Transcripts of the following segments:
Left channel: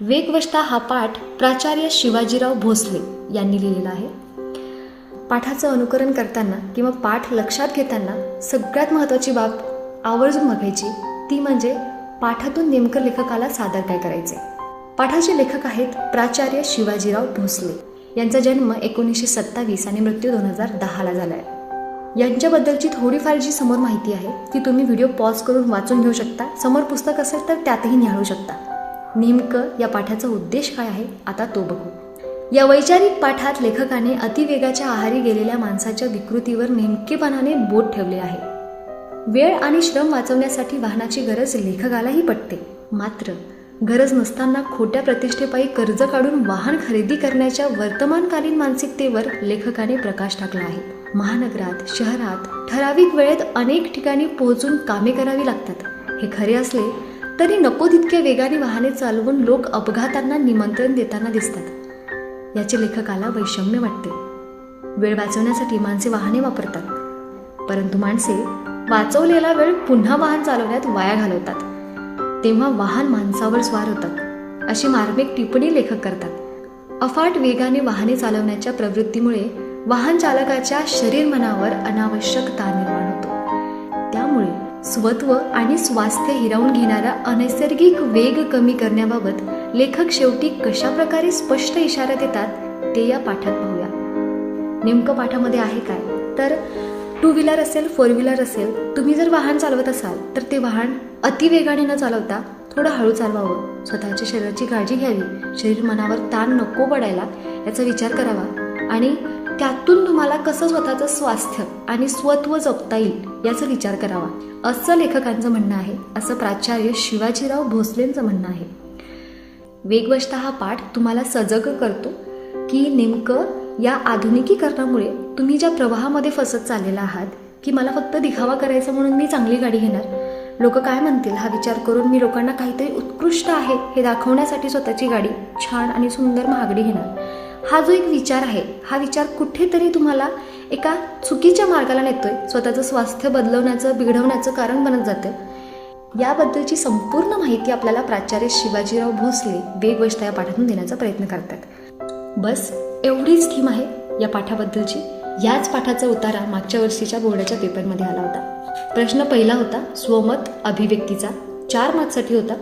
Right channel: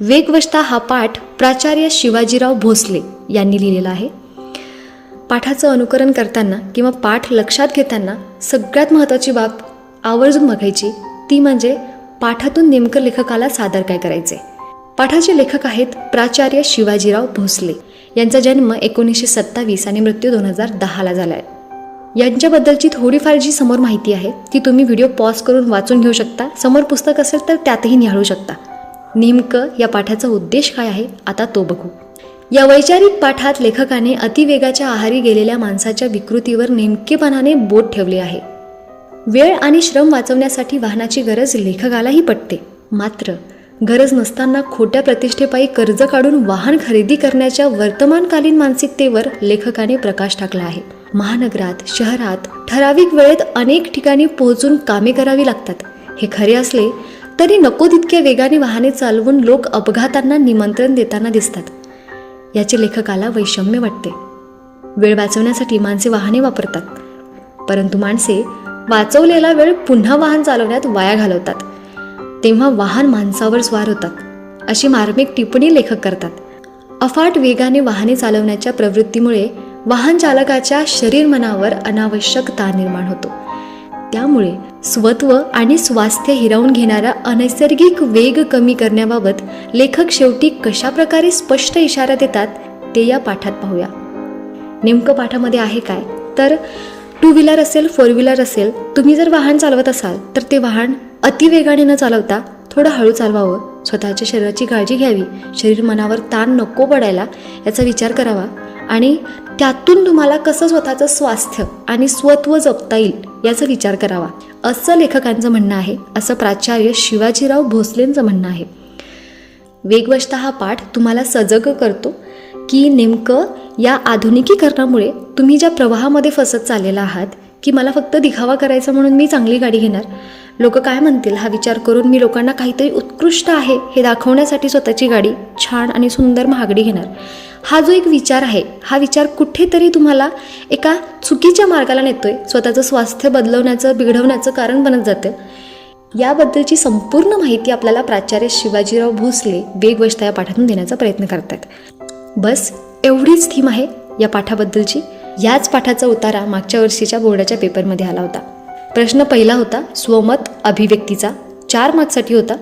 वेगवशता हा पाठ प्राचार्य शिवाजीराव भोसले यांनी लिहिलेला आहे. पाठाचं अनुकरण करताना किंवा पाठ लक्षात घेताना सगळ्यात महत्त्वाची बाब आवर्जून बघायची ती म्हणजे पाठातून नेमकं लेखकाला सादर काय करायचे पाठाचे लेखक आहेत प्राचार्य शिवाजीराव भोसले. यांचा जन्म एकोणीसशे सत्तावीस आणि मृत्यू दोन हजार दहाला झाला आहे यांच्याबद्दलची थोडीफार जी समोर माहिती आहे ती तुम्ही व्हिडिओ पॉज करून वाचून घेऊ शकता. समोर पुस्तक असेल तर त्यातही निहाळू शकता. नेमकं या पाठाचा उद्देश काय आहे आता तो बघू. या वैचारिक पाठात लेखकाने अतिवेगाच्या आहारी गेलेल्या माणसाच्या विकृतीवर नेमकेपणाने बोट ठेवले आहे. वेळ आणि श्रम वाचवण्यासाठी वाहनाची गरज लेखकालाही पटते. मात्र गरज नसताना खोट्या प्रतिष्ठेपायी कर्ज काढून वाहन खरेदी करण्याच्या वर्तमानकालीन मानसिकतेवर लेखकाने प्रकाश टाकला आहे. महानगरात शहरात ठराविक वेळेत अनेक ठिकाणी पोहोचून कामे करावी लागतात. हे खरे असले तरी नको तितक्या वेगाने वाहने चालवून लोक अपघातांना निमंत्रण देताना दिसतात. याचे लेखकाला वैषम्य वाटते. वेळ वाचवण्यासाठी माणसे वाहने वापरतात. परंतु माणसे वाचवलेला वेळ पुन्हा वाहन चालवण्यात वाया घालवतात. तेव्हा वाहन माणसावर स्वार होतात अशी मार्मिक टिप्पणी लेखक करतात. अफाट वेगाने वाहने चालवण्याच्या प्रवृत्तीमुळे वाहन चालकाच्या शरीर मनावर अनावश्यक ताण निर्माण होतो. त्यामुळे स्वत्व आणि स्वास्थ्य हिरावून घेणारा अनैसर्गिक वेग कमी करण्याबाबत लेखक शेवटी कशा प्रकारे स्पष्ट इशारा देतात ते या पाठात पाहूया. नेमकं पाठामध्ये आहे काय? तर टू व्हीलर असेल फोर व्हीलर असेल तुम्ही जर वाहन चालवत असाल तर ते वाहन अतिवेगाने न चालवता थोडं हळू चालवावं. स्वतःच्या शरीराची काळजी घ्यावी. शरीर मनावर ताण नको पडायला याचा विचार करावा. आणि त्यातून तुम्हाला कसं स्वतःचं स्वास्थ्य आणि स्वत्व जपता येईल याचा विचार करावा. असं लेखकांचं म्हणणं आहे असं प्राचार्य शिवाजीराव भोसलेंचं म्हणणं आहे. वेगवशता हा पाठ तुम्हाला सजग करतो की नेमकं या आधुनिकीकरणामुळे तुम्ही ज्या प्रवाहामध्ये फसत चाललेला आहात की मला फक्त दिखावा करायचा म्हणून मी चांगली गाडी घेणार? लोक काय म्हणतील? हा विचार करून मी लोकांना काहीतरी उत्कृष्ट आहे हे दाखवण्यासाठी स्वतःची गाडी छान आणि सुंदर महागडी घेणार. हा जो एक विचार आहे हा विचार कुठेतरी तुम्हाला एका चुकीच्या मार्गाला नेतोय स्वतःचं स्वास्थ्य बदलवण्याचं बिघडवण्याचं कारण बनत जातं. याबद्दलची संपूर्ण माहिती आपल्याला प्राचार्य शिवाजीराव भोसले वेगवष्टा या पाठातून देण्याचा प्रयत्न करतात. बस एवढीच थीम आहे या पाठाबद्दलची. याच पाठाचा उतारा मागच्या वर्षीच्या बोर्डाच्या पेपरमध्ये आला होता. प्रश्न पहिला होता स्वमत अभिव्यक्तीचा. चार मार्क्ससाठी होता.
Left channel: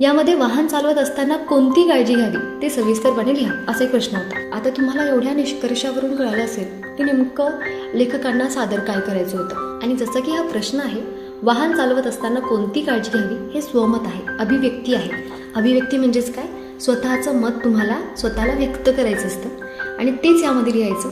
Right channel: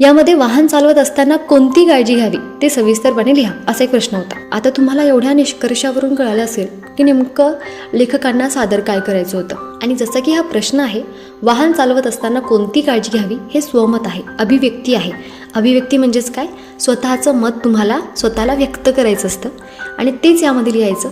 यामध्ये वाहन चालवत असताना कोणती काळजी घ्यावी? ते सविस्तरपणे लिहा. असा एक प्रश्न होता. आता तुम्हाला एवढ्या निष्कर्षावरून कळालं असेल की नेमकं लेखकांना सादर काय करायचं होतं. आणि जसं की हा प्रश्न आहे वाहन चालवत असताना कोणती काळजी घ्यावी हे स्वमत आहे अभिव्यक्ती आहे. अभिव्यक्ती म्हणजेच काय? स्वतःचं मत तुम्हाला स्वतःला व्यक्त करायचं असतं. आणि तेच यामध्ये लिहायचं.